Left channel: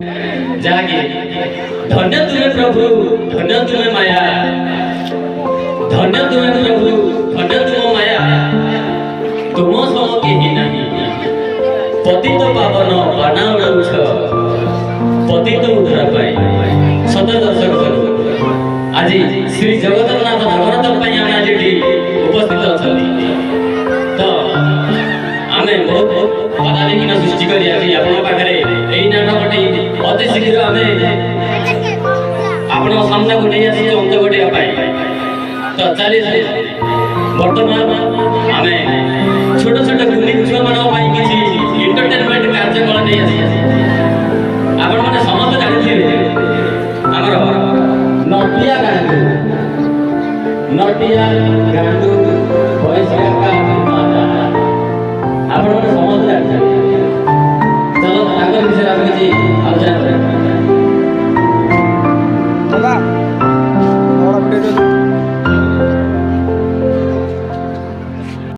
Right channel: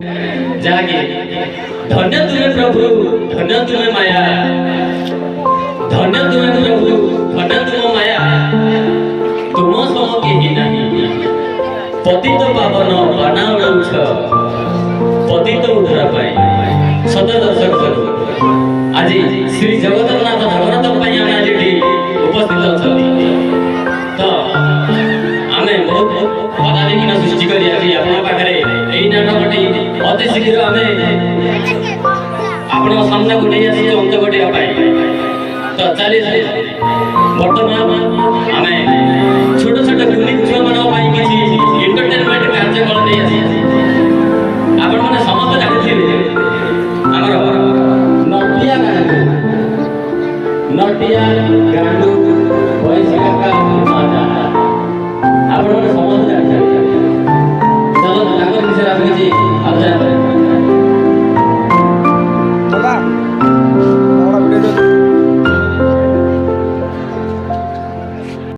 जागे धन्य तुम्हें प्रभु, धन्य तुम्हें माया, धन्य तुम्हें प्रभु, धन्य तुम माया, तुम सम केही नहीं। पतित पावन बाना उड़ाउछ, पतित उद्धार पाई। सत दर्शक आज श्री जगन्नाथ जगन्नाथ पाई आमे आज उपस्थित अछंती। तो आमे बहुत पदाधिकीन सृष्टि करी आज आपन पाखरे एई नाटकटी अति शीघ्र आमे आपन सामने को नहीं आसी अंत गोटे पाई। तो चली वर्तमान आमे छोट छोट कुनी छुआ मन पाई किछि एंटरटेनमेंट कार्यक्रम नहीं आसी। आपन माने समस्त जानिथिबे हमर नटिया गांडू, नटिया गांडू वैश्या का माता आपण माने समस्त जानिथिबे। चलो ताकर विषय आप किछि आलोचना करें। दादा बड़ा वीडियो